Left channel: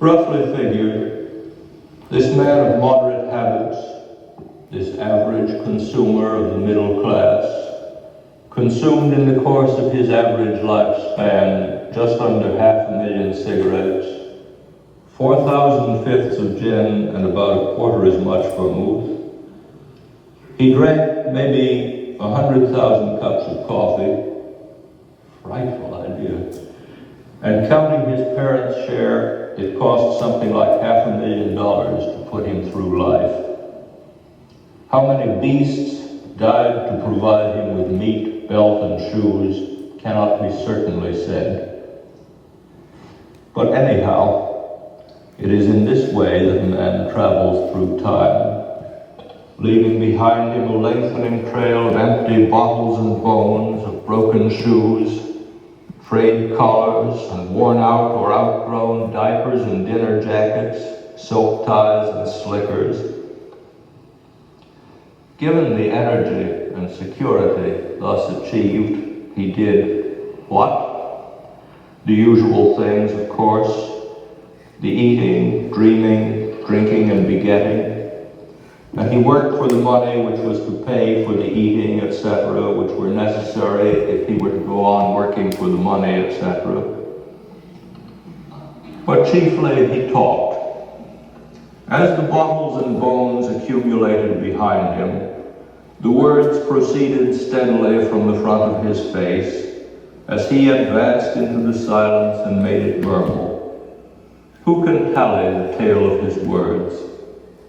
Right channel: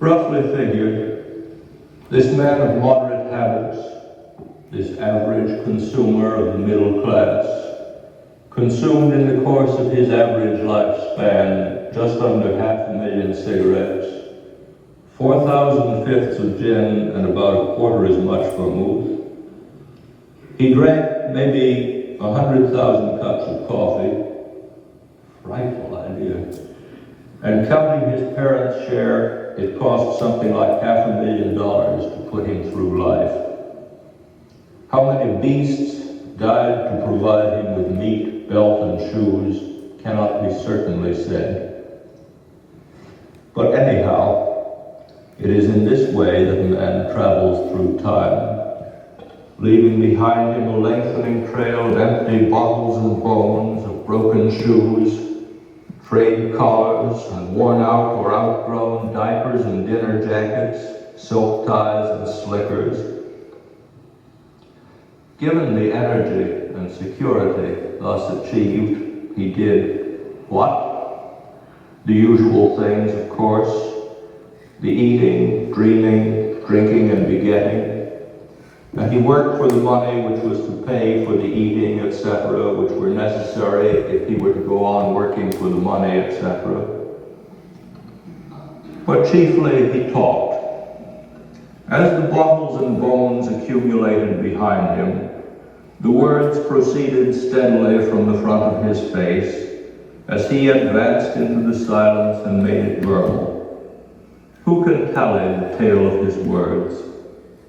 Roughly figured, this man of moderate habits, this average consumer of the middle class, consumed in the course of his average lifespan just under 500,000 cigarettes, 4,000 fifths of gin, and about a quarter as much vermouth. He drank maybe 100,000 cups of coffee, frightful idea, and counting his parents' share, it cost something like $500,000 to put him through life. How many beasts died to provide him with meat, belt, and shoes cannot be certainly said. But anyhow, it is in this way that man travels through time, leaving behind him a lengthening trail of empty bottles and bones, of broken shoes, frayed collars, and worn out or outgrown diapers and dinner jackets, silk ties and slickers. Given the energy and security thus achieved, he did what? The usual things, of course. The eating, dreaming, drinking, and begetting. And he worked for the money which was to pay for the eating, etc., which were necessary if he were to go on working for the money, etc. But chiefly he talked. As the bottles and bones accumulated behind him, the words proceeded steadily from the front of his face as he advanced into the silence and made it verbal. Who can tally the tale of his words?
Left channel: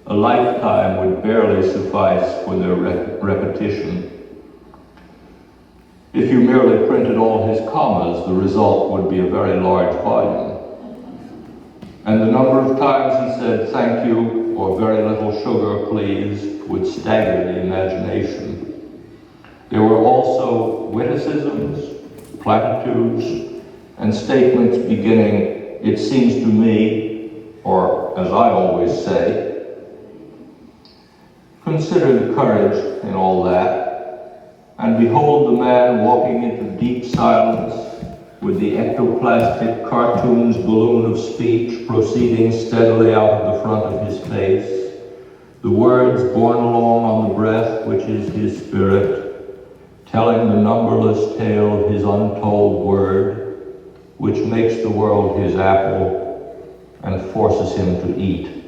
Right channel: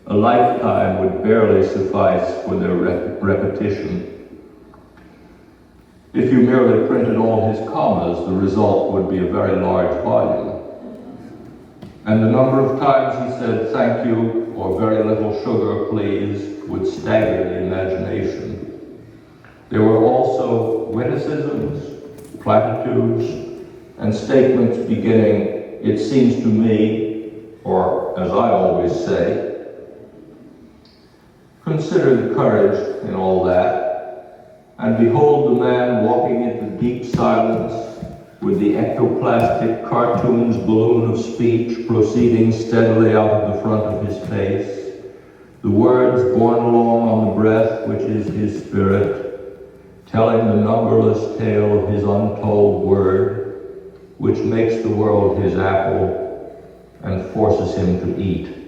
A lifetime would barely suffice for their repetition. If you merely printed all his commas, the result would be a very large volume. And the number of times he said thank you or very little sugar, please, would stagger the imagination. There were also witticisms, platitudes, and statements beginning, it seems to me, or as I always say. Consider the courage in all that, and behold the man walking into deep silence with the ectoplastic cartoon's balloon of speech proceeding steadily out of the front of his face, the words borne along on the breath which is his spirit, telling the numberless tale of his untold word, which makes the world his apple and forces him to eat.